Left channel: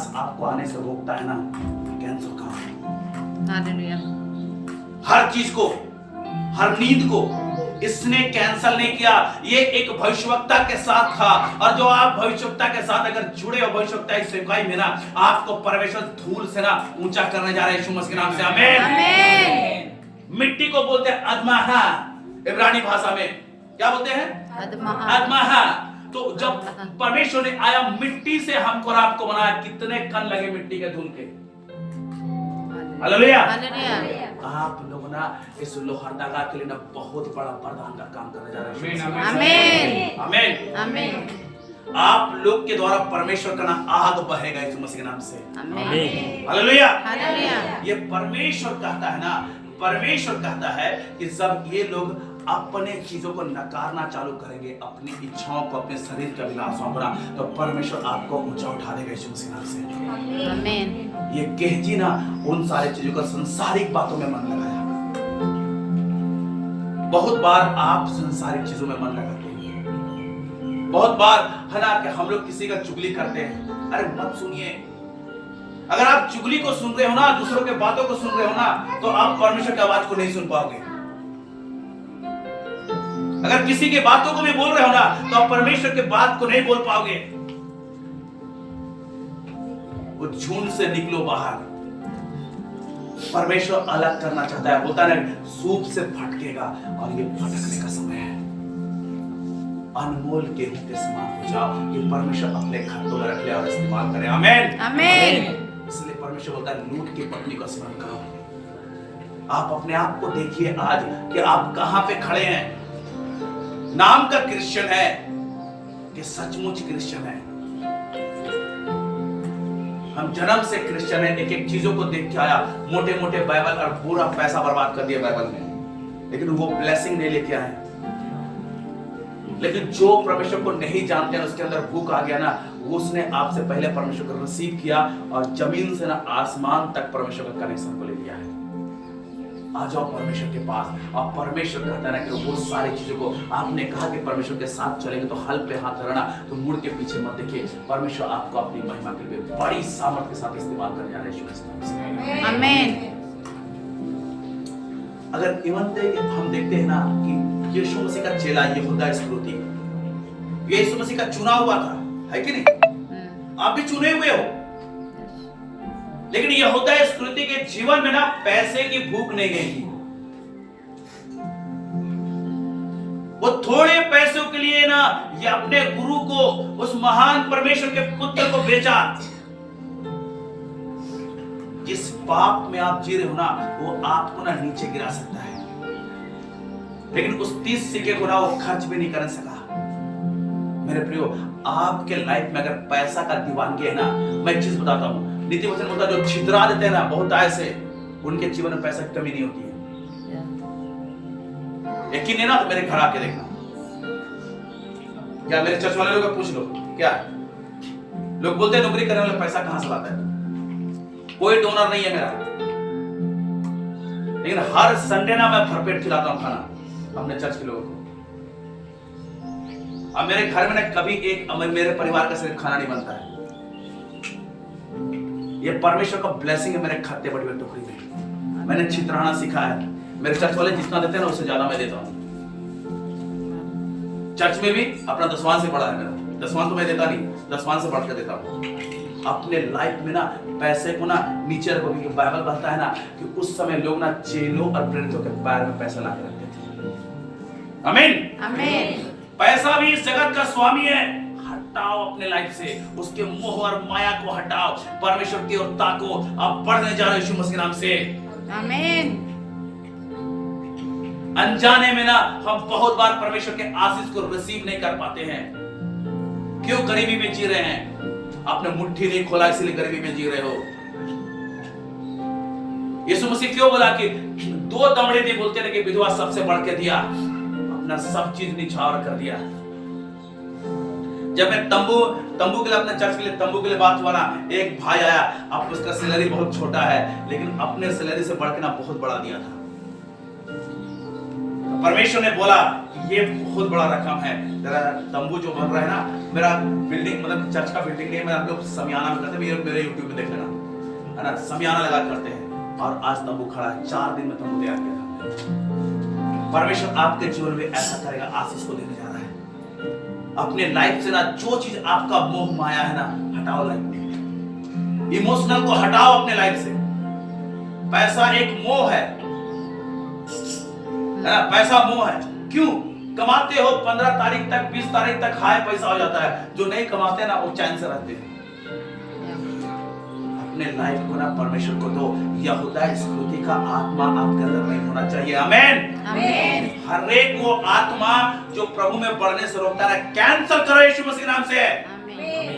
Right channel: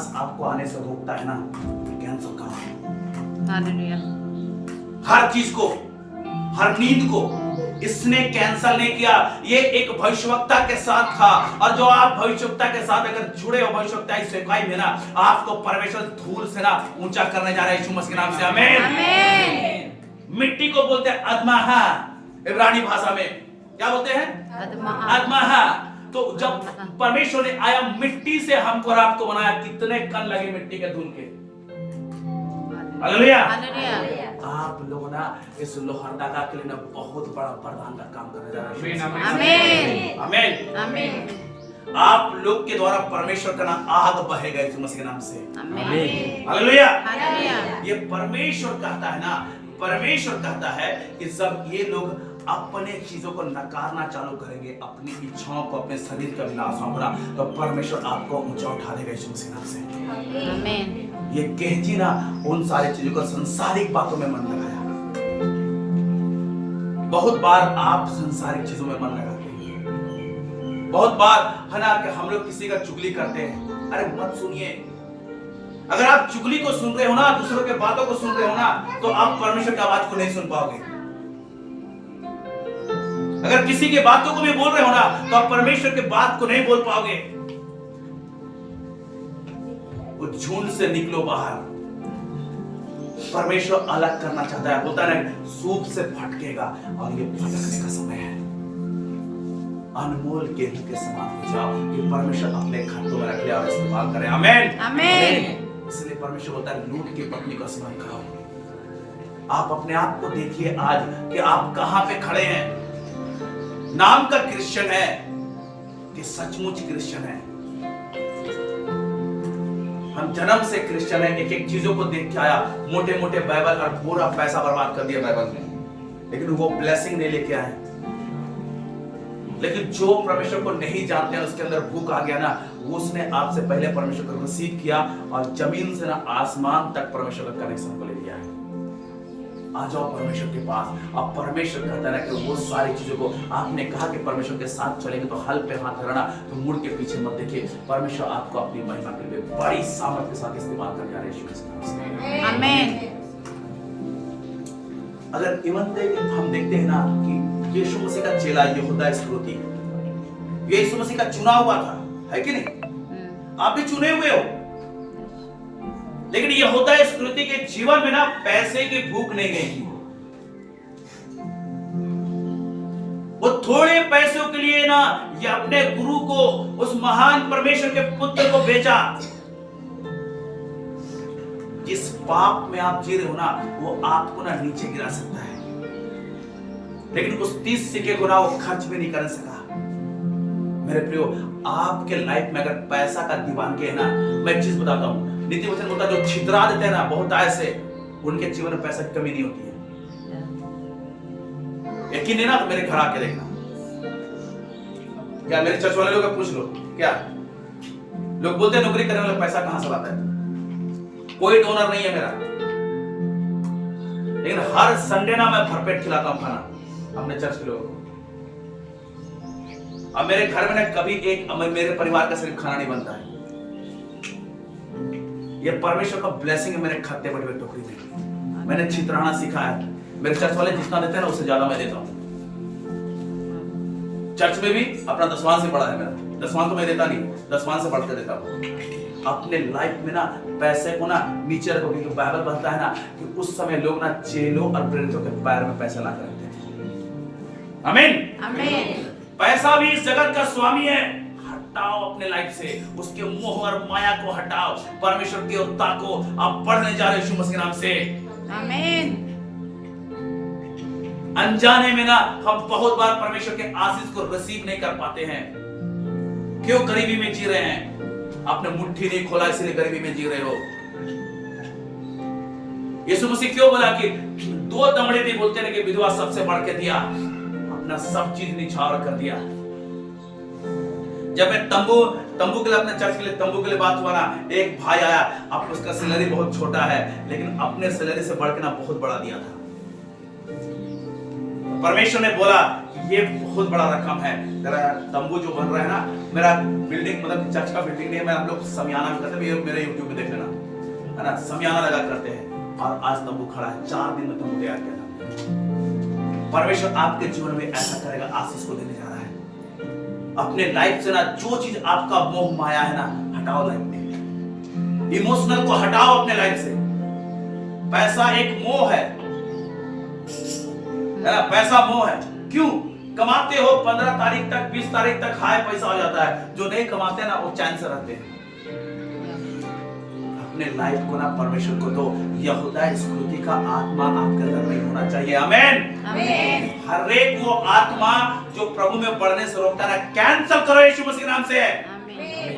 सांस आपको आने से रोकता है ना, कैंसर कहाँ है? हालेलुया। हर चीज को, हर नींद को इसने कैंसल नहीं किया। ये एक भविष्यवक्ता के साथ था, और जो आप भविष्यवक्ता के साथ अगर जुड़े हो, भविष्यवक्ता की सेवकाई में ना, आपको परमेश्वर धूल से ना ऊंचा करने जा रहे हैं यीशु मसीह के नाम से। आमीन। मिट्टी को बोलते हैं अदमाहा, इब्रानी भाषा में क्या बोलते हैं? अदमाहा। तो जब परमेश्वर ने आया, मिट्टी से हमको और आपको बनाया, कितने कण लगे मिट्टी के धूल के। हालेलुया। आप लोग ना इस लोहरदगा के लिए ना बहुत बड़ा वरदान का काम करने जा रहे हैं। आमीन। आमीन। आमीन। आप लोग के द्वारा परमेश्वर का ना आग बहेगा यीशु मसीह के नाम से। आमीन। हालेलुया। हालेलुया। ये परमेश्वर कहता है ना, परमेश्वर कहता है कि जब ये लोग अपने चीजों को नकारना चालू करेंगे, अपनी इच्छाओं को, अपने शरीर का विलासों को, तो परमेश्वर आपको ऊंचा उठा देगा यीशु मसीह के नाम से। आमीन। ये कहजी ना उन सारी चीजों को, संसारिक बातों में मन लगाया। बहुत बार आप संसारिक चीजों में मन लगाते हैं। बहुत बार है ना कि हम लोग किसी का चुगली करते हैं। अरे मत सुनिए। अगर आप चुगली को सुन रहे हो ना, दूसरों के बातों को सुन रहे हो ना, तो आप परमेश्वर की आवाज को नहीं सुन पाओगे। अगर किसी के बातों को भी बोल रहे हो ना, तो आप परमेश्वर के बात को नहीं बोल पाओगे। वो झुंड से निकलो बाहर। परमेश्वर अलग करना चाहता है, बोलता है सूप से फटकेगा, और ये फटकने का समय है। अनमोल गेहूं के समान हो जाओ कि परमेश्वर अपने खातों में रख ले और इस्तेमाल करे। आमीन। आमीन। इसलिए परमेश्वर बोलता है लूट की पत्नी का स्मरण करो। आप अपने आप को देखिए आज कि आप कहां पे खड़े हैं। नाम का क्रिश्चियन है कि सचमुच क्रिश्चियन है? हम जन्म से क्रिश्चियन है, एक एक चीजों को देख के आया, मोटे मोटे बाइबल और पूरा पैसा बर्बाद कर दिया बाइबल में, लेकिन वो ब्लेसिंग नहीं लेके आए। लेकिन जो परमेश्वर को नहीं जानते हैं, उसके अंदर भूख आ गया ना, वो उसने आपसे पहले परमेश्वर को रिसीव किया और जमीन से ना आसमान तक परमेश्वर का कनेक्शन को ले लिया है। आ जाओ परमेश्वर के पास। अब परमेश्वर कहता है ना कि वो सारी चीजों को, आपने कहा कि परमेश्वर के साथ चलेंगे तो हल पे हाथ धरना, तो मुड़ के पीछे मत देखिए। परमेश्वर आपको अपनी महिमा के लिए बड़ी सामर्थ के साथ इस्तेमाल करने जा रहे हैं। आमीन। अगर हम देखते हैं ना कि यीशु मसीह का चेला यहूदा इस्करियोती, ये यीशु मसीह का चुना हुआ था, है कि नहीं? आप भी चुने हुए हो। लेकिन यहूदा इस्करियोती के जीवन में ना पैसे की भूख नहीं गई थी। वो थोड़े पैसों के लिए ना ये अपने गुरु को, उस महान परमेश्वर के पुत्र को बेचा। जिस पाप में आप जी रहे हो ना, वो आपको ना नीचे गिरा सकता है, लेकिन उस 30 सिक्के को ना वो खर्च भी नहीं कर सका। मेरे प्रियो, आपके लाइफ में अगर पैसा का दीवानगी है ना, मैं एक चीज बताता हूं, नीति वचन बोलता है जो छितरा देते हैं ना बहुत ऐसे, उनके जीवन में पैसा की कमी नहीं होती है। यकीन नहीं ना तो मेरे घर आके देखना, क्या मेरे चर्च वाले लोग को पूछ लो, क्या लोग बोलते हैं नौकरी करने वाला पैसा कहां से लाता है? कोई डोनर नहीं है मेरा, लेकिन हर संडे ना मैं भरपेट खिलाता हूं खाना अपने चर्च के लोगों को। अब मेरे घर में ना कभी एक मेरे परिवार का सिर्फ खाना नहीं बनता है। ये परमेश्वर का ब्लेसिंग है मेरे खाते बड़ी बड़ी टोकरी में। मैंने छितराना सीखा है। मेरे चर्च वाले जितना देते हैं ना उससे ज्यादा मैं देता हूं। चर्च में भी अपना दसवां से बड़ा है मेरा, दसवां तो मैं देता नहीं, दसवां से बढ़कर देता हूं। अपने लाइफ में ना पैसे को ना नीचे रखो, क्योंकि बाइबल कहता है ना कि उस समय लोग ना चेलों और प्रेरितों के पैर में पैसा लाकर रखते थे। आमीन। आमीन। पैसा भी इस जगत का स्वामी है। हटाओ अपने लाइफ से उसके मोह और माया को हटाओ, परमेश्वर की ओर ताको। आप बढ़ने जा रहे हो यीशु मसीह के नाम से। आमीन। अनजाने में ना हम बहुत बार परमेश्वर के आशीष को रिसीव नहीं कर पाते हैं। क्यों? गरीबी में जी रहे हैं। आपने मुट्ठी नहीं खोला इसलिए गरीबी में जी रहे हो। यीशु मसीह क्यों बोला कि 2 दमड़े थे, बोलते हैं कि विधवा सबसे बढ़ के दिया, अपना सब चीज निछावर कर दिया। जब मैं तंबू के लिए, अपने चर्च के लिए तंबू के लिए बात हुआ ना, एक भाई आया, अब उसका सैलरी बहुत छोटा है, लेकिन अपने सैलरी से बढ़ के ना बहुत बड़ा दिया था। परमेश्वर ने बोला ये बहुत बड़ा रकम है। तेरा तंबू जो बन रहा है ना, मेरा बिल्डिंग मतलब चर्च का बिल्डिंग नहीं, मैं हम लोग समियाना में करते हैं, मेरे यूट्यूब पे देख लेना, है ना, समियाना लगा करते हैं। और आज तंबू खड़ा है, 4 दिन में तंबू तैयार किया था। परमेश्वर आपके जीवन में ऐसा करेगा, आशीष को देने जा रहा है। अपने लाइफ से ना जो चीज आपका मोह माया है ना, हटाओ लाइफ में। इमोशनल को हटाओ अपने लाइफ से। पैसा एक मोह है ना, पैसा मोह है। क्यों? कमाते हो 15 तारीख तक 20 तारीख तक हाय पैसा हो जाता है, जो नहीं कमाते ना वो चैन से रहते हैं। अपने लाइफ को ना परमेश्वर को दो। यहूदा स्कृति का आत्मा आपके अंदर नहीं होना चाहिए। आमीन आमीन। हर एक वो आत्मा जो प्रभु में बढ़ने से रोकता है, कैंसल करो यीशु मसीह के नाम से। आमीन।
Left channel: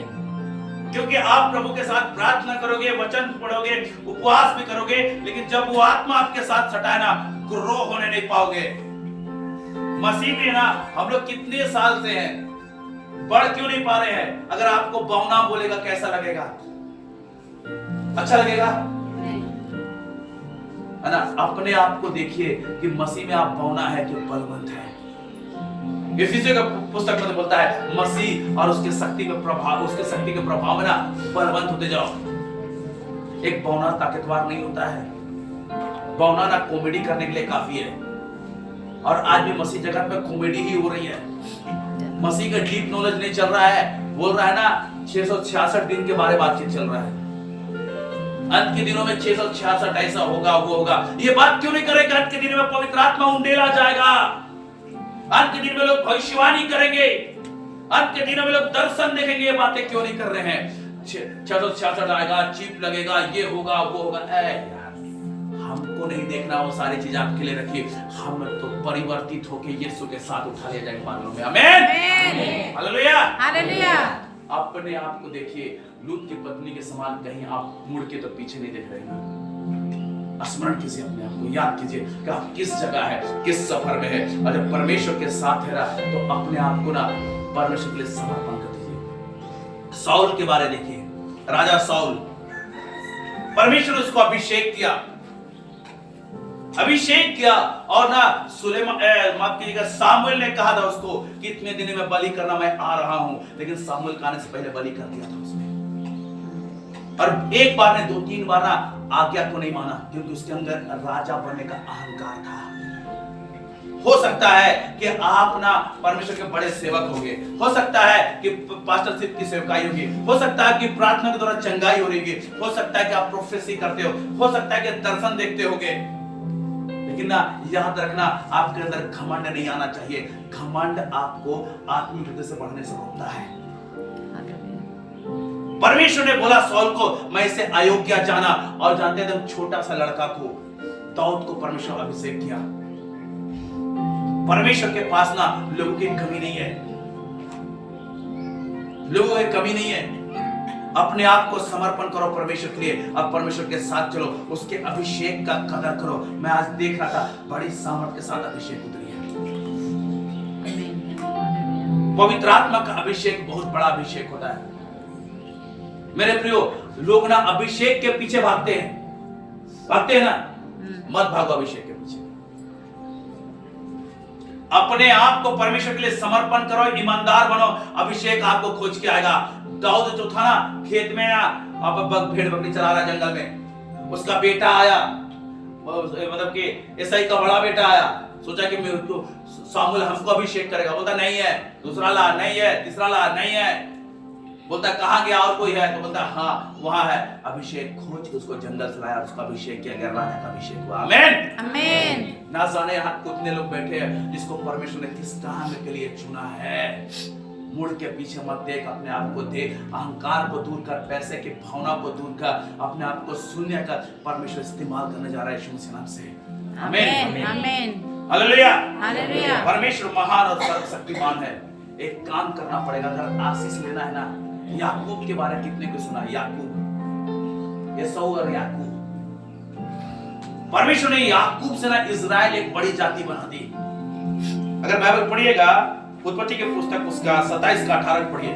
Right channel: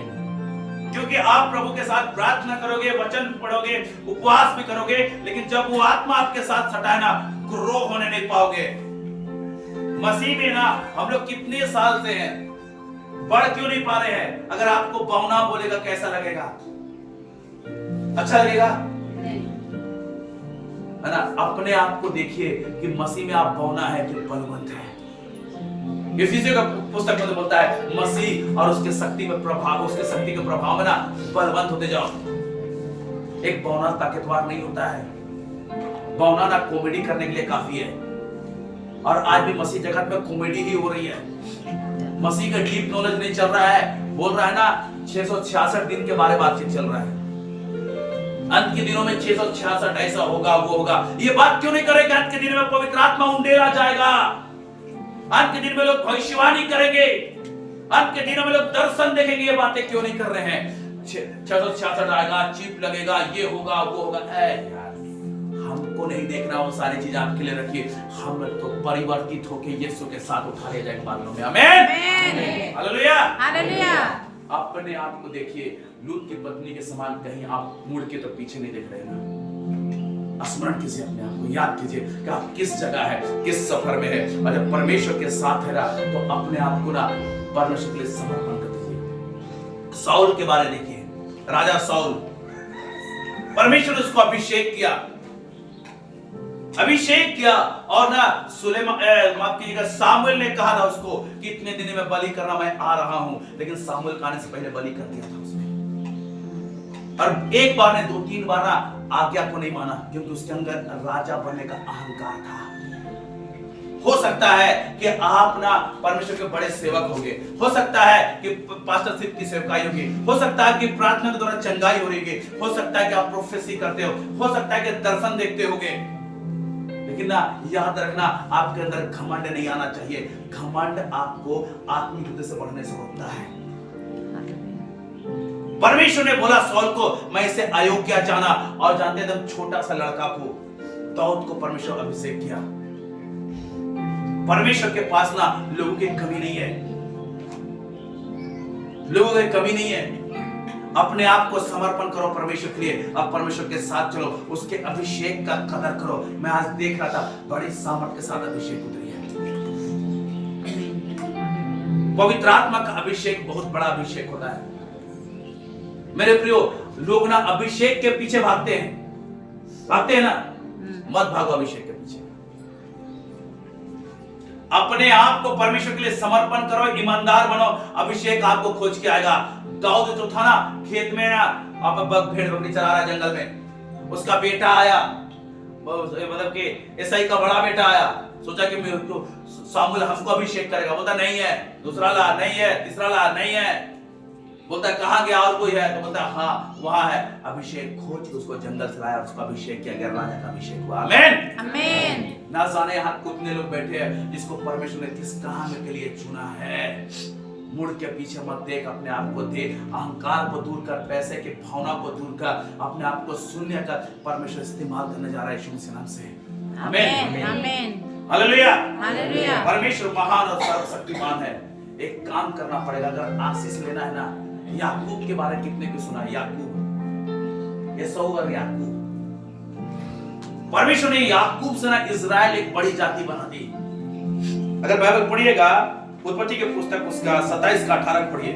क्योंकि आप प्रभु के साथ प्रार्थना करोगे, वचन पढ़ोगे, उपवास भी करोगे, लेकिन जब वो आत्मा आपके साथ सटाए ना, ग्रो होने नहीं पाओगे। मसीह में ना हम लोग कितने साल से हैं, बढ़ क्यों नहीं पा रहे हैं? अगर आपको बौना बोलेगा कैसा लगेगा? अच्छा लगेगा, है ना? अपने आप को देखिए कि मसीह में आप बौना है कि बलवंत है। इफिसियों का पुस्तक में बोलता है मसीह और उसके शक्ति के प्रभाव, उसके शक्ति के प्रभाव में ना बलवंत होते जाओ। एक बौना ताकतवर नहीं होता है, बौना ना कॉमेडी करने के लिए काफी है। और आज भी मसीह जगत में कॉमेडी ही हो रही है। मसीह का डीप नॉलेज नहीं चल रहा है। बोल रहा है ना 666 दिन के बारे में बातचीत चल रहा है। अंत के दिनों में 666 ऐसा होगा, वो होगा। ये बात क्यों नहीं करेगा? अंत के दिनों में पवित्र आत्मा उंडेला जाएगा। अंत के दिन में लोग भविष्यवाणी करेंगे। अंत के दिनों में लोग दर्शन देखेंगे। ये बातें क्यों नहीं कर रहे हैं? 666 आएगा, चिप लगेगा, ये होगा, वो होगा। हमको नहीं देखना वो सारी चीज आपके लिए रखिए। हम तो परिवर्तित होकर यीशु के साथ उठा लिया जाएगा बादलों में। आमीन हालेलुया हालेलुया। अपने आप को देखिए, लूत की पत्नी के समान कहीं आप मुड़ के तो पीछे नहीं देख रहे ना। स्मरण कीजिए, अपने आप को याद कीजिए कि आप किस जगह है, किस सफर में है। और जब परमेश्वर के साथ है ना, तो अपने आप को ना परमेश्वर के लिए समर्पण कर दीजिए। साउल के बारे देखिए, राजा साउल, परमेश्वर ने उसको अभिषेक किया और ना माफ कीजिएगा, सामुएल ने कहा था उसको कि इतने दिन में बलि करना मैं आ रहा हूं, लेकिन सामुएल का आने से पहले बलि कर दिया था उसने। और एक बार ने 2-3 बार ना आज्ञा को नहीं माना, क्योंकि उसके अंदर राजा बनने का अहंकार था। हो सकता है कि आप ना परमेश्वर के बड़े सेवक होंगे, हो सकता है कि पास्टरशिप की सेवकाई होगी, हो सकता है कि प्रार्थना के द्वारा चंगाई हो रही, हो सकता है कि आप प्रोफेसी करते हो सकता है कि दर्शन देखते होगे, लेकिन ना याद रखना आपके अंदर घमंड नहीं आना चाहिए। घमंड आपको आत्मिक युद्ध से बढ़ने से रोकता है। परमेश्वर ने बोला सौल को, मैं इसे अयोग्य जाना, और जानते हैं छोटा सा लड़का को, दाऊद को परमेश्वर अभिषेक किया। परमेश्वर के पास ना लोगों की कमी नहीं है, लोगों की कमी नहीं है। अपने आप को समर्पण करो परमेश्वर के लिए, अब परमेश्वर के साथ चलो, उसके अभिषेक का कदर करो। मैं आज देख रहा था, बड़ी सामर्थ के साथ अभिषेक उतरी है। पवित्र आत्मा का अभिषेक बहुत बड़ा अभिषेक होता है मेरे प्रियो। लोग ना अभिषेक के पीछे भागते हैं ना, मत भागो अभिषेक के पीछे। अपने आप को परमेश्वर के लिए समर्पण करो, ईमानदार बनो, अभिषेक आपको खोज के आएगा। दाऊद जो था ना, खेत में ना भेड़ बकरी चरा रहा जंगल में, उसका बेटा आया, मतलब कि ईसाई का बड़ा बेटा आया, सोचा कि सामुएल हमको अभिषेक करेगा। बोलता नहीं है, दूसरा ला नहीं है, तीसरा ला नहीं है। बोलता कहां गया, और कोई है? तो बोलता हाँ वहां है। अभिषेक खोज के उसको जंगल से लाया, उसको अभिषेक किया गया, राजा का अभिषेक हुआ। आमीन आमीन। ना जाने यहाँ कितने लोग बैठे हैं जिसको परमेश्वर ने किस काम के लिए चुना है। मुड़ के पीछे मत देख, अपने आप को देख, अहंकार को दूर कर, पैसे की भावना को दूर कर, अपने आप को शून्य कर। परमेश्वर इस्तेमाल करने जा रहा है यीशु मसीह नाम से। आमीन आमीन हालेलुया हालेलुया। परमेश्वर महान और सर्वशक्तिमान है। एक काम करना पड़ेगा, अगर आशीष लेना है ना। याकूब के बारे में कितने को सुना? याकूब, एसाऊ और याकूब। परमेश्वर ने याकूब से ना इजराइल एक बड़ी जाति बना दी। अगर बाइबल पढ़िएगा, उत्पत्ति के पुस्तक उसका 27 का 18 पढ़िए।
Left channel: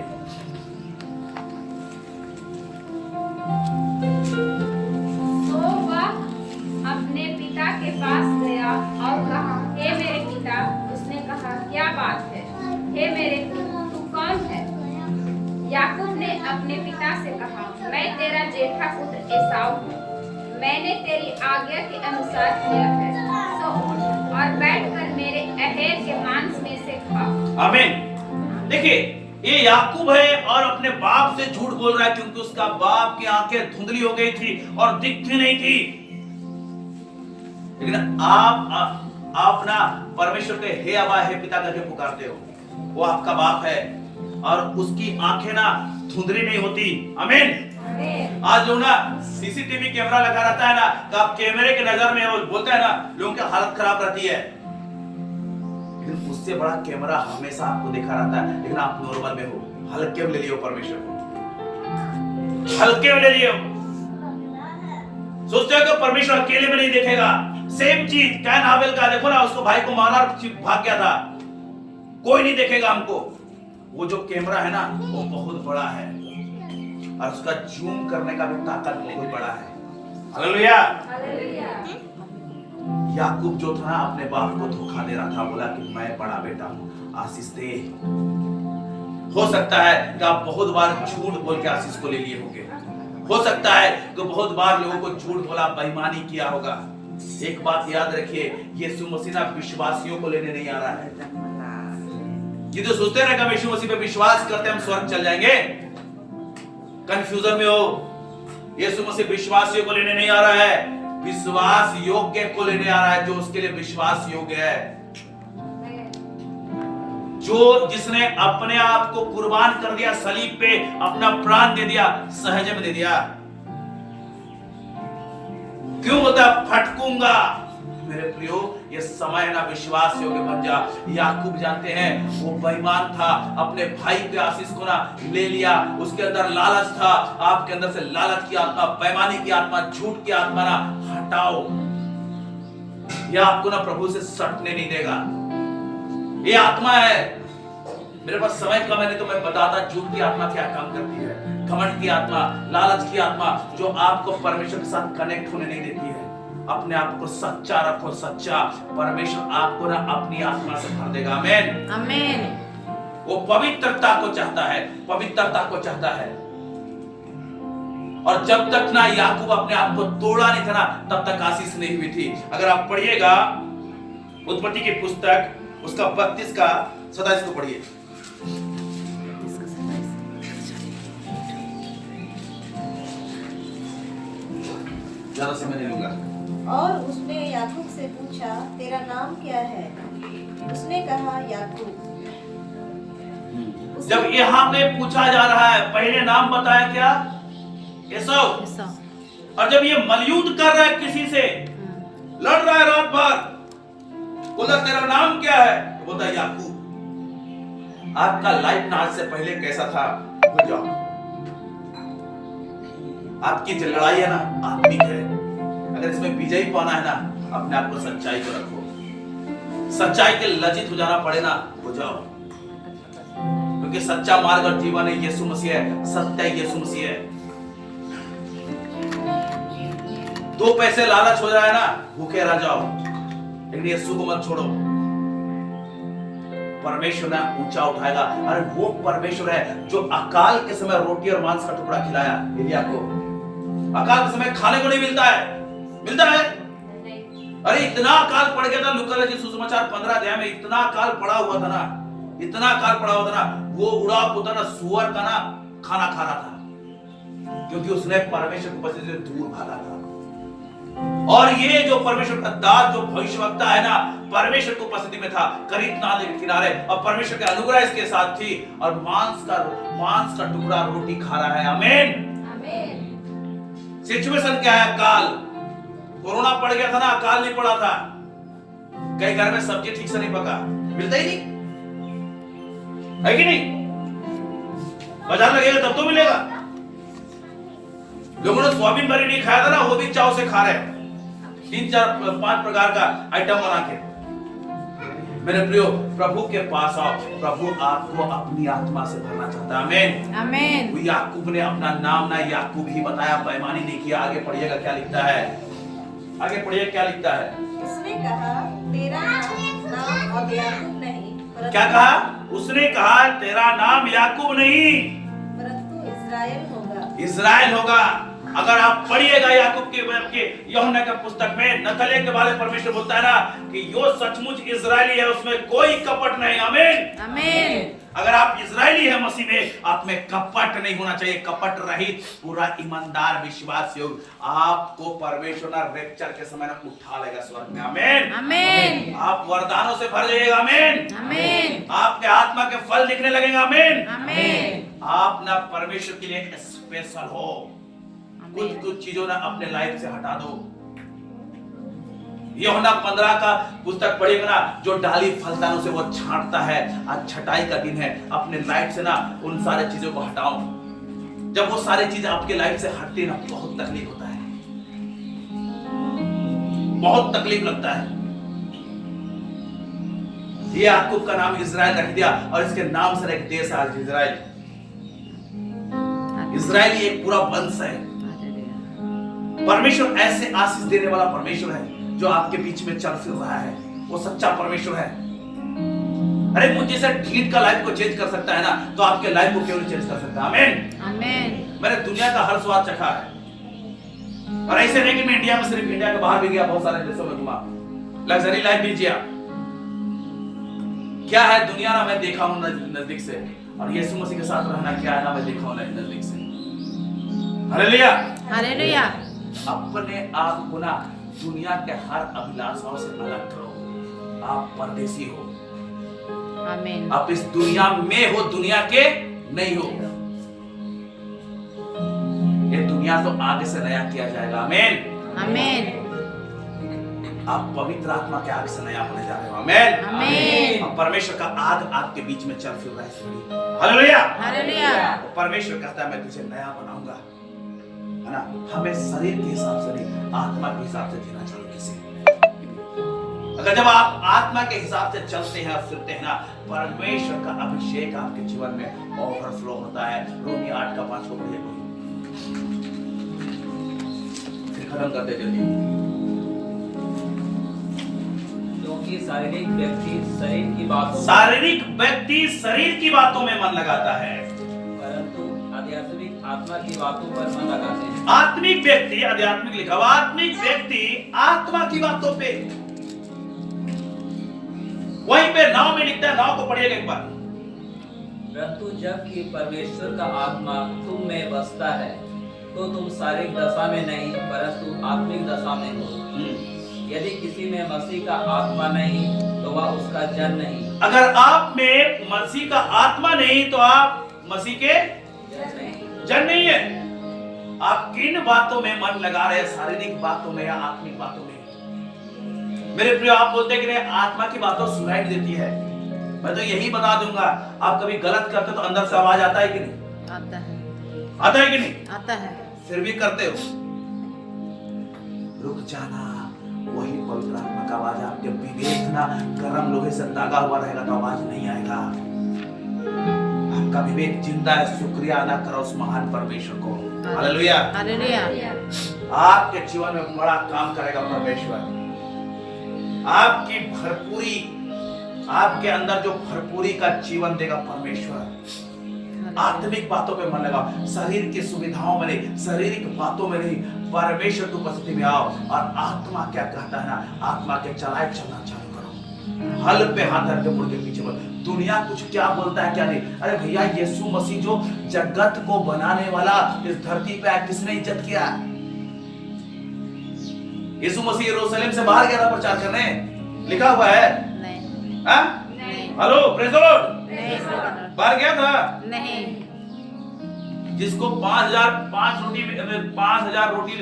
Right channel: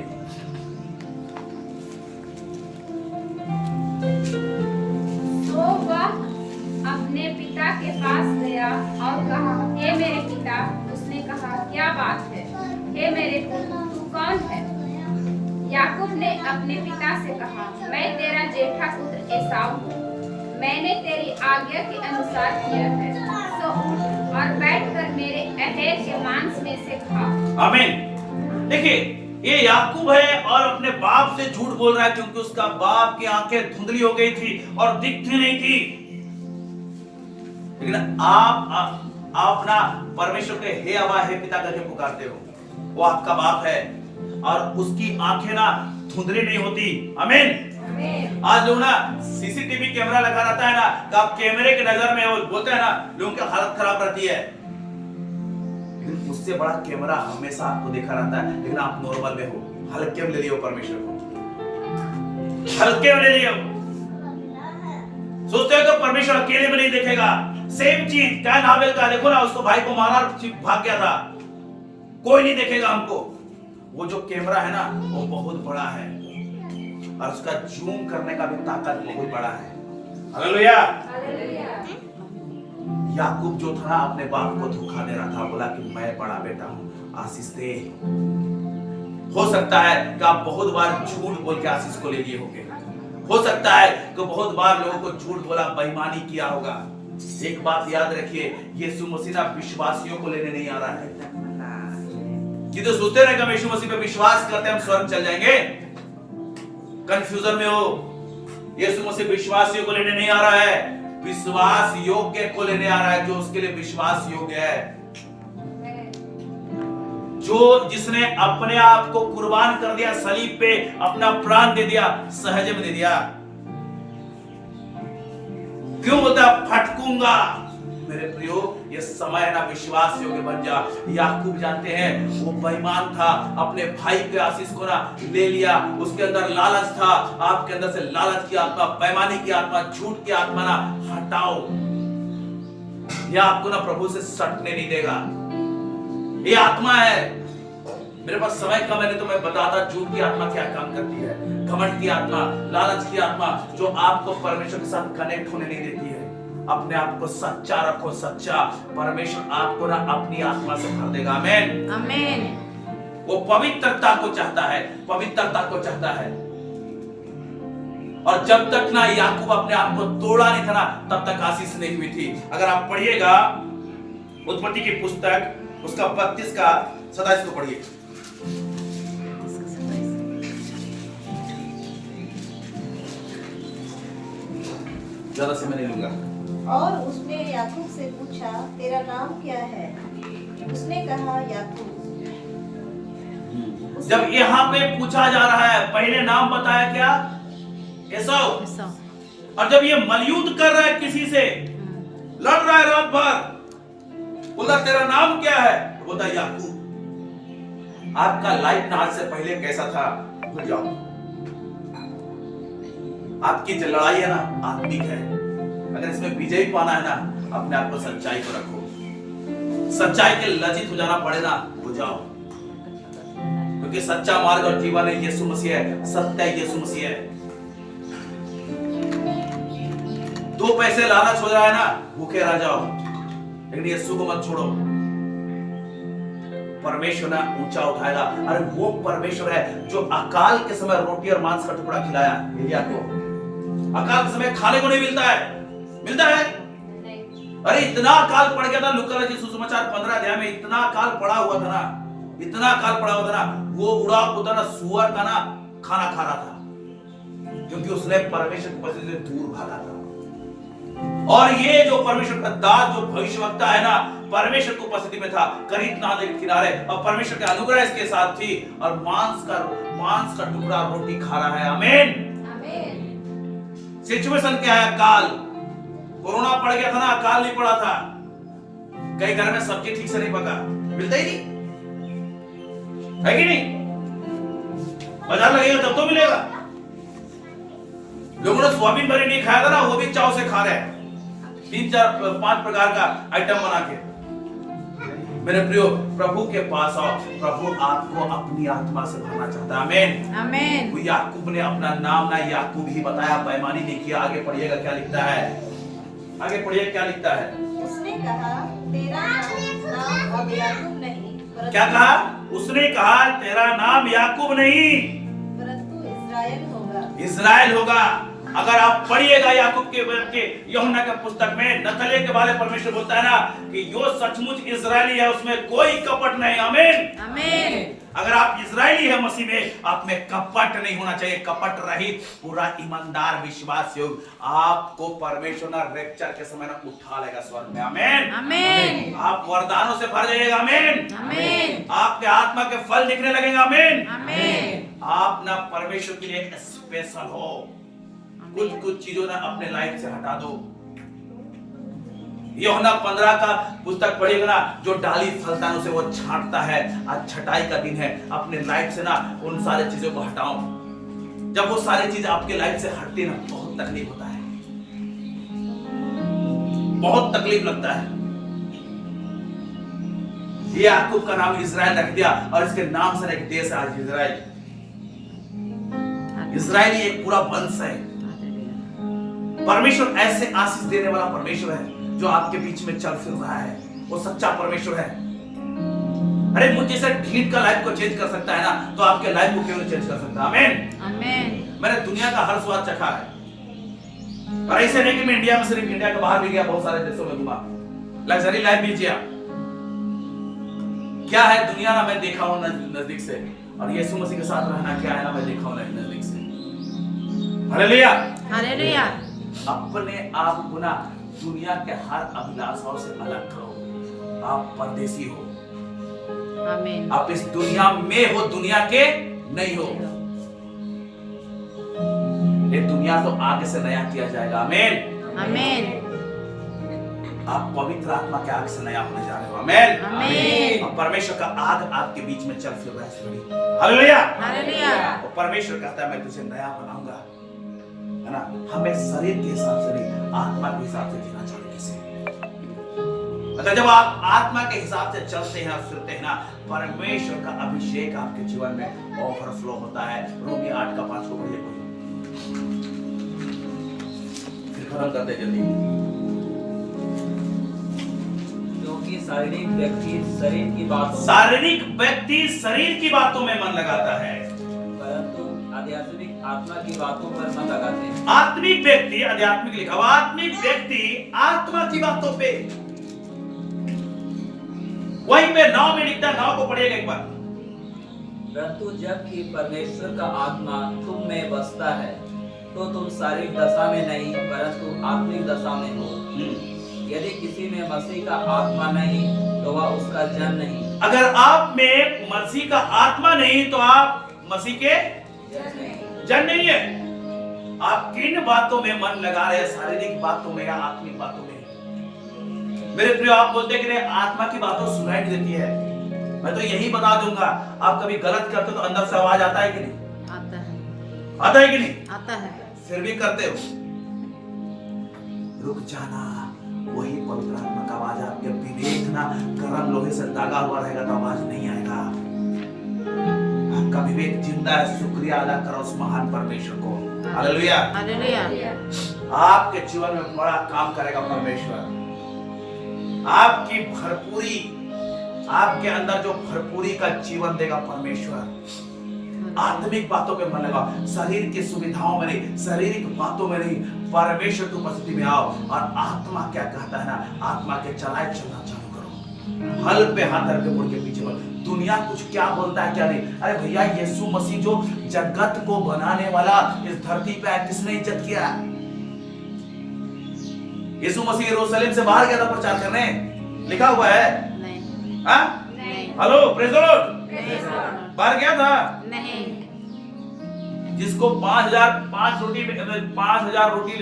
तो वह अपने पिता के पास गया और कहा, हे मेरे पिता। उसने कहा, क्या जेठा पुत्र एसाव हूँ। मैंने तेरी आज्ञा के अनुसार किया है, सो उठ और बैठकर मेरे अहेर के मांस में से खा। आमीन। देखिए, ये याकूब है और अपने बाप से झूठ बोल रहा है, क्योंकि उसका बाप की आंखें धुंधली हो गई थी और दिखती नहीं थी। लेकिन आप ना परमेश्वर के हे अब्बा हे पिता करके पुकारते हो, वो आपका बाप है और उसकी आंखें ना धुंधली नहीं होती। आमीन। आज लोग ना सीसीटीवी कैमरा लगा रहता है ना, तो आप कैमरे के नजर में वो बोलते हैं ना, लोगों की हालत खराब रहती है, लेकिन उससे बड़ा कैमरा हमेशा आपको देखा रहता है। लेकिन आप नॉर्मल में हो, हल्के में ले लियो परमेश्वर को, हल्के में ले लियो। सोचते हो कि परमेश्वर अकेले में नहीं देखेगा। सेम चीज कैन हाबिल का, देखो ना, उसको भाई को मारा भाग गया था, कोई नहीं देखेगा हमको। वो जो कैमरा है ना, वो बहुत बड़ा है और उसका जूम करने का भी ताकत बहुत बड़ा है। हालेलुया। याकूब जो था अपने बाप को धोखा दे रहा था, बोला कि मैं बड़ा बेटा हूं, आशीष दे। हो सकता है कि आप बहुत बार झूठ बोल के आशीष को ले लिए होंगे। हो सकता है कि बहुत बार लोगों को झूठ बोला, बेईमानी किया होगा। एक बात याद रखिए, यीशु मसीह ना विश्वासियों को लेने नहीं आ रहा है। ये तो सोचते रहे कि यीशु मसीह पे विश्वास करते हम स्वर्ग चल जाएंगे, कंफ्यूजन में हो। यीशु मसीह विश्वासियों को लेने नहीं आ रहा है, विश्वास योग्य को लेने आ रहा है, जो उसके लिए विश्वास योग्य है, जो जिसने अपने आप को कुर्बान कर दिया, सलीब पे अपना प्राण दे दिया, सहज में दे दिया। क्यों बोलता फटकूंगा? मेरे प्रियो, ये समय ना विश्वास योग्य बन जा। याकूब जानते हैं वो बेईमान था, अपने भाई के आशीष को ना ले लिया, उसके अंदर लालच था। आपके अंदर से लालच की आत्मा, बेईमानी की आत्मा, झूठ की आत्मा ना हटाओ। यह आपको ना प्रभु से सटने नहीं देगा। ये आत्मा है, मेरे पास समय कम है, नहीं तो मैं बताता झूठ की आत्मा क्या काम करती है। घमंड की आत्मा, लालच की आत्मा, जो आपको परमेश्वर के साथ कनेक्ट होने नहीं देती है। अपने आप को सच्चा रखो, सच्चा। परमेश्वर आपको ना अपनी आत्मा से भर देगा। आमीन, आमीन। वो पवित्रता को चाहता है, पवित्रता को चाहता है। और जब तक ना याकूब अपने आप को तोड़ा नहीं था ना, तब तक आशीष नहीं हुई थी। अगर आप पढ़िएगा उत्पत्ति की पुस्तक उसका 32 का 27 को पढ़िए। ज्यादा समय नहीं लूंगा। और उसने याकूब से पूछा, तेरा नाम क्या है? उसने कहा, याकूब। जब यहाँ पे पूछा जा रहा है, पहले नाम बताया क्या? एसाव। और जब ये मलयुद्ध कर रहा है, किसी से लड़ रहा है रात भर, बोला तेरा नाम क्या है? बोलता याकूब। आपका लाइफ ना आज से पहले कैसा था भूल जाओ। आपकी जो लड़ाई है ना आत्मिक है। अगर इसमें विजयी पाना है ना, अपने आप को सच्चाई को रखो। सच्चाई के लज्जित हो जाना पड़े ना, हो जाओ, क्योंकि सच्चा मार्ग और जीवन है यीशु मसीह है, सत्य यीशु मसीह है। 2 पैसे लालच हो जाए ना, भूखे रह जाओ, लेकिन यीशु को मत छोड़ो। परमेश्वर ना ऊंचा उठाएगा। अरे वो परमेश्वर है जो अकाल के समय रोटी और मांस का टुकड़ा खिलाया एलिया को। अकाल के समय खाने को नहीं मिलता है, मिलता है। अरे इतना अकाल पड़ गया था, लूका रचित सुसमाचार 15 अध्याय में इतना अकाल पड़ा हुआ था ना, इतना अकाल पड़ा हुआ था ना, वो उड़ा पुता ना सुअर का ना खाना खा रहा था, क्योंकि उसने परमेश्वर की उपस्थिति से दूर भागा था। और ये जो परमेश्वर का दास, जो भविष्यवक्ता है ना, परमेश्वर की उपस्थिति में था, करीब नाले के किनारे, और परमेश्वर का अनुग्रह इसके साथ थी, और मांस का टुकड़ा रोटी खा रहा है। आमीन, आमीन। सिचुएशन क्या है? काल, कोरोना पड़ गया था ना, काल नहीं पड़ा था। कई घर में सब्जी ठीक से नहीं पका, मिलता ही नहीं है कि नहीं? बाजार लगेगा तब तो मिलेगा। लोगों ने सोयाबीन बरी नहीं खाया था ना, वो भी चाव से खा रहे हैं, 3, 4, 5 प्रकार का आइटम बना के। मेरे प्रियो, प्रभु के पास आओ। प्रभु आपको अपनी आत्मा से भरना चाहता है। आमीन, आमीन। वो याकूब ने अपना नाम ना याकूब ही बताया, बेईमानी नहीं किया। आगे पढ़िएगा क्या लिखता है, आगे पढ़िए क्या लिखता है। उसने कहा, तेरा नाम अब याकूब नहीं। क्या कहा? उसने कहा तेरा नाम याकूब नहीं, परंतु इस्राएल होगा। इस्राएल होगा। अगर आप पढ़िएगा याकूब के यूहन्ना के पुस्तक में नतले के बारे में परमेश्वर बोलता है ना कि यो सचमुच इजरायली है, उसमें कोई कपट नहीं। आमीन आमीन। अगर आप इजरायली है मसीह में, आप में कपट नहीं होना चाहिए, कपट रहित पूरा ईमानदार विश्वास योग्य आपको परमेश्वर ना रैप्चर के समय ना उठा लेगा स्वर्ग में। आमीन आमीन। आप वरदानों से भर जाइएगा। आमीन आमीन। आपके आत्मा के फल दिखने लगेंगे। आमीन आमीन। आप ना परमेश्वर के लिए स्पेशल हो। कुछ चीजों ना अपने लाइफ से हटा दो। यूहन्ना 15 का पुस्तक पढ़िएगा ना, जो डाली फलदानों से वो छांटता है। आज छटाई का दिन है, अपने लाइफ से ना उन सारे चीजों को हटाओ। जब वो सारी चीज आपके लाइफ से हटती है ना, बहुत तकलीफ होता है, बहुत तकलीफ लगता है। ये याकूब का नाम इजराइल रख दिया और इसके नाम से एक देश है आज इजराइल। इजराइल एक पूरा वंश है। परमेश्वर ऐसे आशीष देने वाला परमेश्वर है जो आपके बीच में चल फिर रहा है। वो सच्चा परमेश्वर है। अरे मुझे जैसे ढीठ का लाइफ को चेंज कर सकता है ना, तो आपके लाइफ को क्यों नहीं चेंज कर सकता। आमीन आमीन। मैंने दुनिया का हर स्वाद चखा है, और ऐसे नहीं कि मैं इंडिया में सिर्फ इंडिया के बाहर भी गया, बहुत सारे देशों में घुमा, लग्जरी लाइफ भी जिया। क्या है दुनिया ना मैं देखा हूं नजदीक से, और यीशु मसीह के साथ रहना क्या है ना मैं देखा हूं नजदीक से। Hallelujah hallelujah. अपने आप को ना दुनिया के हर अभिलाषाओं से अलग करो। आप परदेसी हो। आमीन। आप इस दुनिया में हो, दुनिया के नहीं हो। ये दुनिया तो आगे से नया किया जाएगा। आमीन आमीन। आप पवित्र आत्मा के आग से नया होने जा रहे हो। आमीन आमीन। और परमेश्वर का आग आपके बीच में चल फिर रहा है इस घड़ी। Hallelujah hallelujah. और परमेश्वर कहता है मैं तुझे नया बनाऊंगा, है ना। हमें शरीर के हिसाब से नहीं, आत्मा के हिसाब से जीना चाहिए किसी। अगर जब आप आत्मा के हिसाब से चलते हैं और फिरते हैं ना, परमेश्वर का अभिषेक आपके जीवन में ओवरफ्लो होता है। रोमी 8 का 5 को पढ़िए, फिर खत्म कर दे जल्दी। क्योंकि शारीरिक व्यक्ति शरीर की बातों में मन लगाता है, परंतु आध्यात्मिक आत्मा की बातों पर मन लगाते हैं। आत्मिक व्यक्ति, आध्यात्मिक लिखा हुआ, आत्मिक व्यक्ति आत्मा की बातों पे, वहीं पे नाव में लिखता है। नाव को पढ़िएगा एक बार। परंतु जबकि परमेश्वर का आत्मा तुम में बसता है, तो तुम शारीरिक दशा में नहीं परंतु आत्मिक दशा में हो। यदि किसी में मसीह का आत्मा नहीं तो वह उसका जन नहीं। अगर आप में मसीह का आत्मा नहीं तो आप मसीह के जन नहीं है। आप किन बातों में मन लगा रहे हैं, शारीरिक बातों में या आत्मिक बातों में? मेरे प्रिय, आप बोलते हैं कि आत्मा की बातों सुनाई देती है। मैं तो यही बता दूंगा, आप कभी गलत करते तो अंदर से आवाज आता है कि नहीं? आता है। आता है कि नहीं? आता है। फिर भी करते हो। रुक जाना, वही पवित्र आत्मा का आवाज है। आपके विवेक ना गर्म लोहे से दागा हुआ रहेगा तो आवाज नहीं आएगा। आपका विवेक जिंदा है। शुक्रिया अदा करो उस महान परमेश्वर को। Hallelujah hallelujah. आपके जीवन में बड़ा काम करेगा परमेश्वर। आपकी भरपूरी, आपके अंदर जो भरपूरी का जीवन देगा परमेश्वर। आत्मिक बातों पे मन लगाओ, शरीर की सुविधाओं में नहीं, शारीरिक बातों में नहीं। परमेश्वर की उपस्थिति में आओ और आत्मा क्या कहता है ना, आत्मा के चलाए चलना चालू करो। हल पे हाथ रख के मुड़ के पीछे बोल। दुनिया कुछ क्या बोलता है क्या नहीं। अरे भैया, यीशु मसीह जो जगत को बनाने वाला इस धरती पे है, किसने इज्जत किया? यीशु मसीह यरूशलेम से बाहर गया था प्रचार करने, लिखा हुआ है। नहीं। हाँ? नहीं। Hello, praise the Lord. नहीं। बाहर गया था? नहीं। जिसको 5,000 रोटी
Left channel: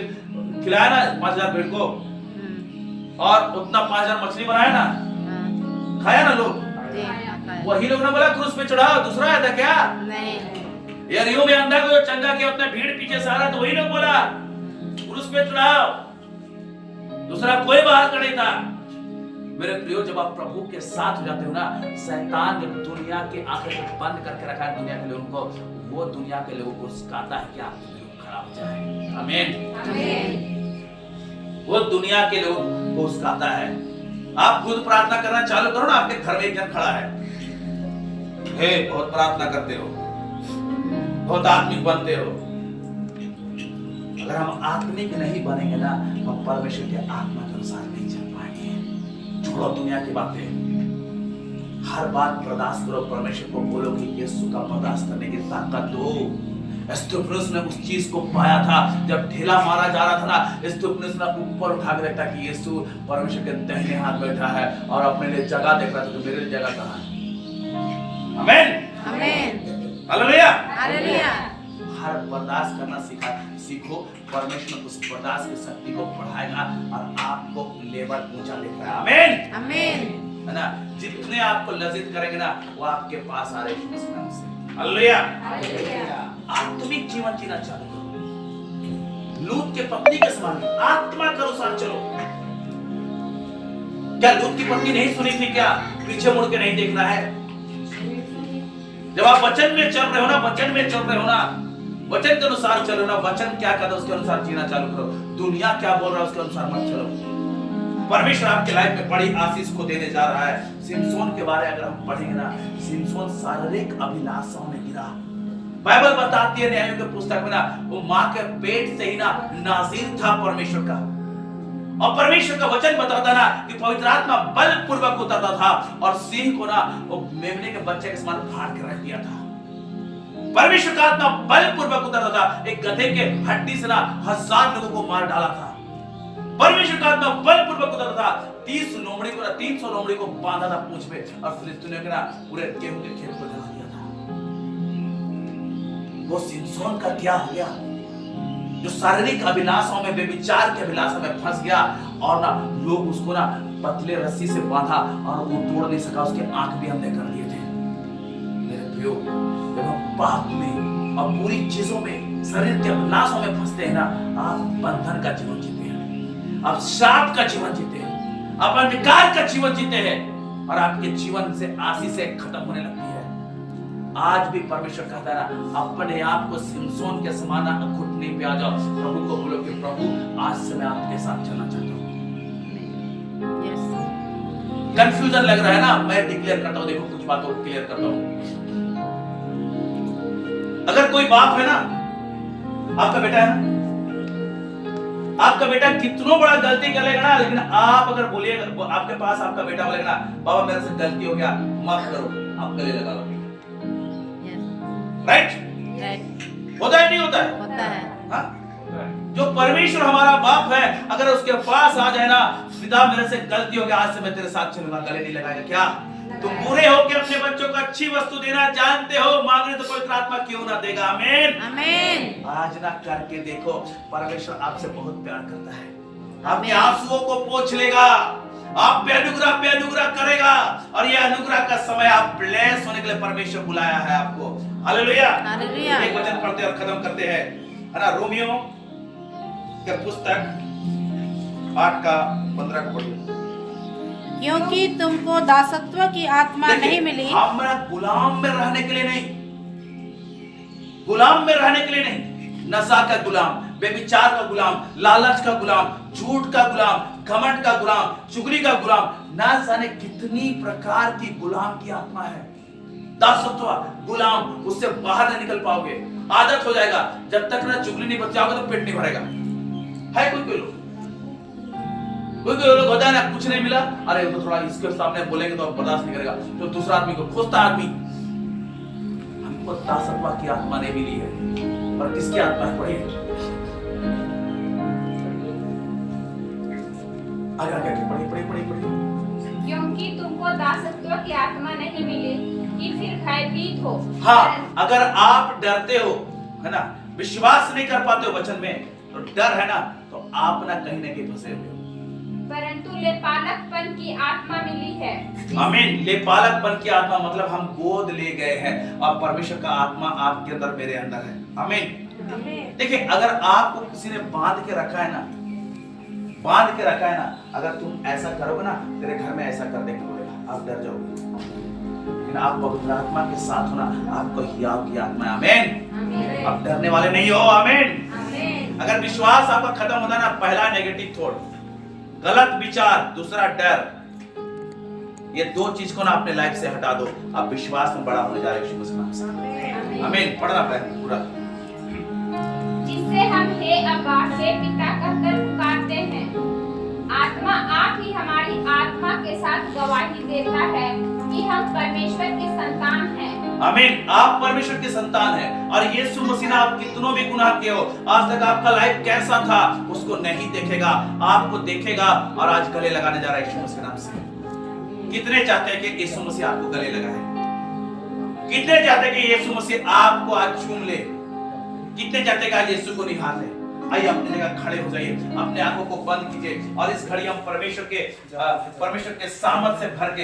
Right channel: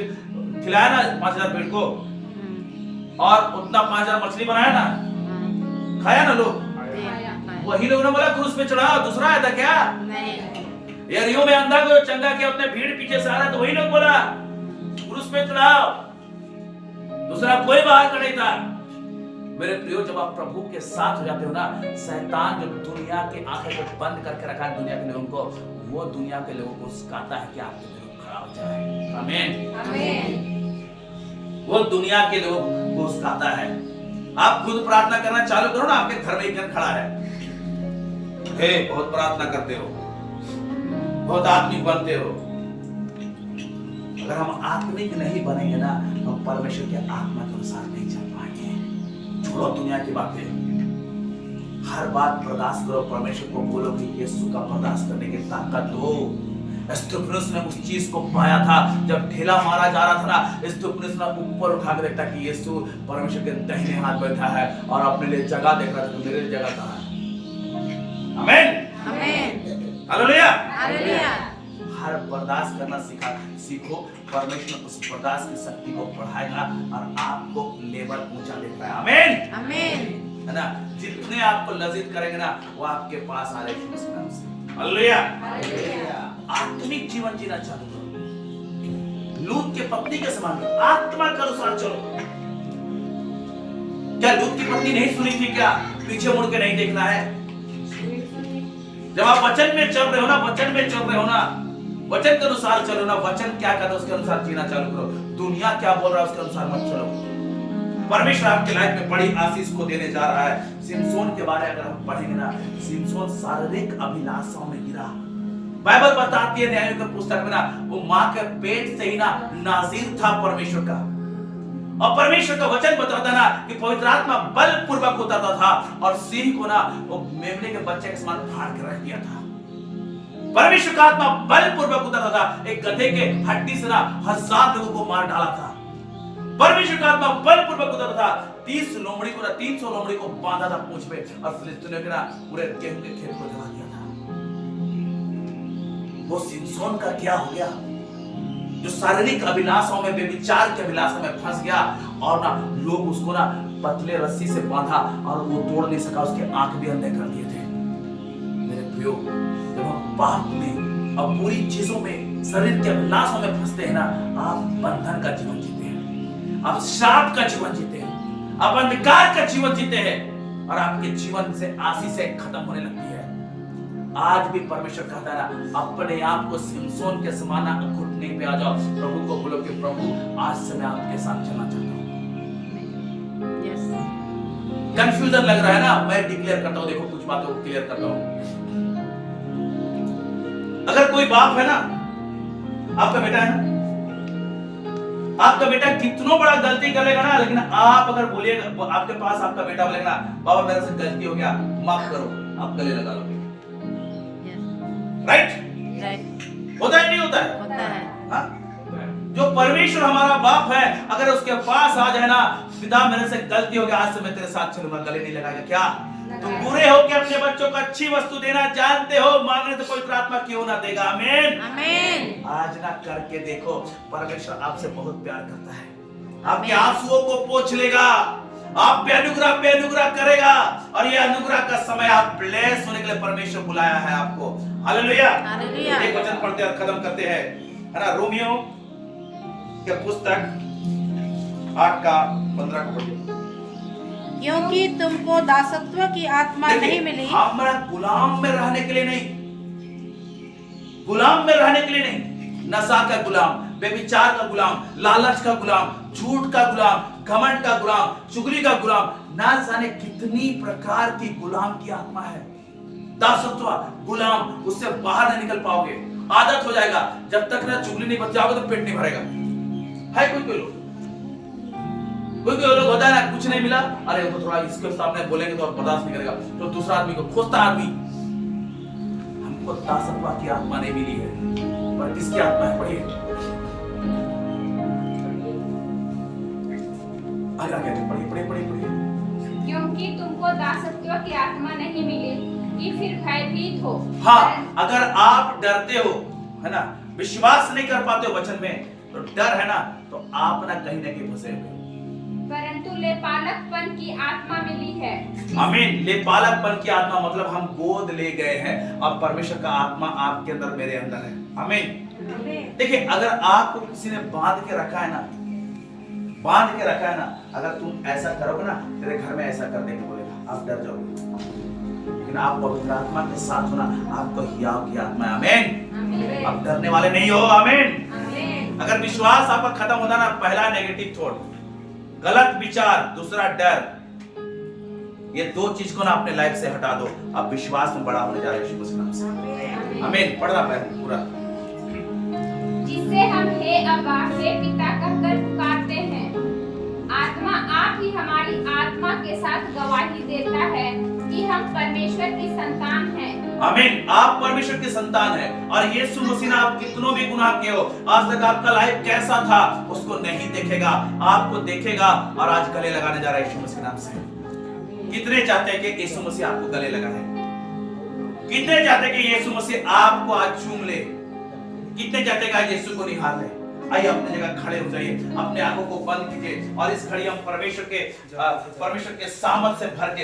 खिलाया ना, 5,000 पेट को, और उतना 5,000 मछली बनाया ना, खाया ना लोग, वही लोग ने बोला क्रूस पे चढ़ाओ। दूसरा आया था क्या? नहीं। यरीहो में अंधा को चंगा किया, उतना भीड़ पीछे से आ रहा, तो वही लोग बोला क्रूस पे चढ़ाओ। दूसरा कोई बाहर का नहीं था। मेरे प्रियो, जब आप प्रभु के साथ हो जाते हो ना, शैतान जब दुनिया के आंखें को बंद करके रखा है दुनिया के लिए, उनको वो दुनिया के लोगों को सिखाता है कि आपके विरुद्ध खड़ा हो जाए। आमीन आमीन। वो दुनिया के लोगों को सिखाता है। आप खुद प्रार्थना करना चालू करो ना, आपके घर में एक जन खड़ा है, हे बहुत प्रार्थना करते हो, बहुत आत्मिक बनते हो, अगर हम आत्मिक नहीं बनेंगे ना, हम परमेश्वर के आत्मा के अनुसार नहीं चल पाएंगे। छोड़ो दुनिया की बातें, हर बात बर्दाश्त करो, परमेश्वर को बोलो कि यीशु का बर्दाश्त करने की ताकत दो। स्तिफनुस ने उस चीज को पाया था, जब ढेला मारा जा रहा था ना, स्तिफनुस ने ऊपर उठा के देखा कि यीशु परमेश्वर के दाहिने हाथ बैठा है और अपने लिए जगह देख रहा था, तो मेरे लिए जगह कहाँ है? आमीन, आमीन, हालेलुया, हालेलुया। हर बर्दाश्त करना सीखो। परमेश्वर उस बर्दाश्त की शक्ति को बढ़ाएगा और आपको लेवल ऊंचा देगा। आमीन, आमीन, है ना। जितने आपको लज्जित करेंगे ना, वो आपके पास आ रहे हैं। हालेलुया। आत्मिक जीवन जीना चालू करो। लूत के पत्नी के समान आत्मा के अनुसार चलो। क्या लूत की पत्नी नहीं सुनी थी? क्या पीछे मुड़ के नहीं देखना है? जब आप वचन में चल रहे हो ना, वचन में चल रहे हो ना, वचन के अनुसार चलो ना, वचन क्या कहता है उसके अनुसार जीना चालू करो। दुनिया क्या बोल रहा है उसके अनुसार मत चलो। परमेश्वर आपके लाइफ में बड़ी आशीष को देने जा रहा है। सिमसोन के बारे में अगर हम पढ़ेंगे ना, सिमसोन शारीरिक अभिलाषाओं में गिरा। बाइबल बताती है न्यायों के पुस्तक में ना, वो मां के पेट से ही ना नाज़ीर था परमेश्वर का। और परमेश्वर का वचन बताता ना कि पवित्र आत्मा बलपूर्वक उतरता था और सिंह को ना वो मेमने के बच्चे के समान फाड़ के रख दिया था। परमेश्वर का आत्मा बलपूर्वक उतरता था। एक गधे के हड्डी से ना 1000 लोगों को मार डाला था। परमेश्वर का आत्मा बलपूर्वक उतरता था। 300 लोमड़ी को बांधा था पूंछ पे और फिलिस्तीनियों के ना पूरे गेहूं के खेत को जला दिया था। वो सिमसोन का क्या हो गया? जो शारीरिक अभिलाषाओं में, व्यभिचार के अभिलाषा में फंस गया और ना लोग उसको ना पतले रस्सी से बांधा और वो तोड़ नहीं सका, उसके आंख भी अंधे कर दिए थे। मेरे प्रियो, जब हम पाप में और बुरी चीजों में, शरीर के अभिलाषाओं में फंसते हैं ना, आप बंधन का जीवन जीते हैं, आप श्राप का जीवन जीते हैं, आप अंधकार का जीवन जीते हैं और आपके जीवन से आशीषें खत्म होने लगती है। आज भी परमेश्वर कहता है ना, अपने आप को सिमसोन के समान घुटने पे आ जाओ, प्रभु को बोलो कि प्रभु आज से मैं आपके साथ चलना चाहता हूँ। कंफ्यूजन लग रहा है ना, मैं डिक्लेयर करता हूँ, देखो कुछ बातों को क्लियर करता हूँ। अगर कोई बाप है ना, आपका बेटा है ना, आपका बेटा कितना बड़ा गलती कर लेगा ना, लेकिन आप अगर बोलिएगा, आपके पास आपका बेटा बोलेगा ना, बाबा मेरे से गलती हो गया, माफ करो, आप गले लगा लोगे। राइट? होता है नहीं होता है? होता है। हाँ? जो परमेश्वर हमारा बाप है, अगर उसके पास आ जाए ना, पिता मेरे से गलती हो गया, आज से मैं तेरे साथ चलूंगा, गले नहीं लगाएगा। क्या तुम बुरे हो कि अपने बच्चों को अच्छी वस्तु देना जानते हो, मांगने तो पवित्र आत्मा क्यों ना देगा? आमीन, आमीन। आज ना करके देखो, परमेश्वर आपसे बहुत प्यार करता है, आपके आंसुओं को पोंछ लेगा, आप पे अनुग्रह करेगा और ये अनुग्रह का समय आप ब्लेस होने के लिए परमेश्वर बुलाया है आपको। Hallelujah, hallelujah. एक वचन पढ़ते और खत्म करते हैं, है ना। रोमियो के पुस्तक 8:15 को पढ़िए। क्योंकि तुमको दासत्व की आत्मा नहीं मिली। हमारा गुलाम में रहने के लिए नहीं, गुलाम में रहने के लिए नहीं, नशा का गुलाम, व्यभिचार का गुलाम, लालच का गुलाम, झूठ का गुलाम, घमंड का गुलाम, चुगली का गुलाम, ना जाने कितनी प्रकार की गुलाम की आत्मा है। दासत्व गुलाम, उससे बाहर नहीं निकल पाओगे, आदत हो जाएगा। जब तक ना चुगली नहीं बच जाओगे तो पेट नहीं भरेगा। है कोई लोग होता है ना, कुछ नहीं मिला, अरे तो थोड़ा इसके सामने बोलेंगे तो बर्दाश्त नहीं करेगा, तो दूसरा आदमी को खोजता आदमी। हमको दासत्व की आत्मा नहीं मिली है, पर किसकी आत्मा है? पढ़िए आगे पढ़िए। क्योंकि तुमको दासत्व की आत्मा नहीं मिली कि फिर भयभीत हो। हाँ, अगर आप डरते हो, है ना, विश्वास नहीं कर पाते हो वचन में, तो डर है ना, तो आप ना कहीं फंसे हुए हो। परंतु लेपालकपन की आत्मा मिली है। आमीन। लेपालकपन की आत्मा मतलब हम गोद ले गए हैं और परमेश्वर का आत्मा आपके अंदर, मेरे अंदर है। आमीन। देखिए, अगर आपको किसी ने बांध के रखा है ना, अगर तुम ऐसा करोगे ना, तेरे घर में ऐसा कर देंगे बोलेगा, आप डर जाओगे। लेकिन आप पवित्र आत्मा के साथ हो ना, आपको हियाव की आत्मा है। आमीन। आप डरने वाले नहीं हो। आमीन। अगर विश्वास आपका खत्म होता ना, पहला नेगेटिव थॉट, गलत विचार, दूसरा डर, ये दो चीज को ना अपने लाइफ से हटा दो, आप विश्वास में बड़ा होने जा रहे हैं। आमीन। पढ़ना पूरा। जिससे हम हे अब्बा हे पिता कहकर पुकारते हैं। आत्मा आप ही हमारी आत्मा के साथ गवाही देता है कि हम परमेश्वर की संतान हैं। आमीन। आप परमेश्वर की संतान है और यीशु मसीह ने आप कितनों भी गुनाह किए हो, आज तक आपका लाइफ कैसा था उसको नहीं देखेगा, आपको देखेगा और आज गले लगाने जा रहा है यीशु मसीह नाम से। कितने चाहते हैं कि यीशु मसीह आपको गले लगाए? कितने चाहते हैं कि यीशु मसीह आपको आज चूम ले? कितने चाहते हैं कि आज यीशु को निहार ले? आइए अपनी जगह खड़े हो जाइए, अपने आंखों को बंद कीजिए और इस घड़ी हम परमेश्वर के सामर्थ से भर के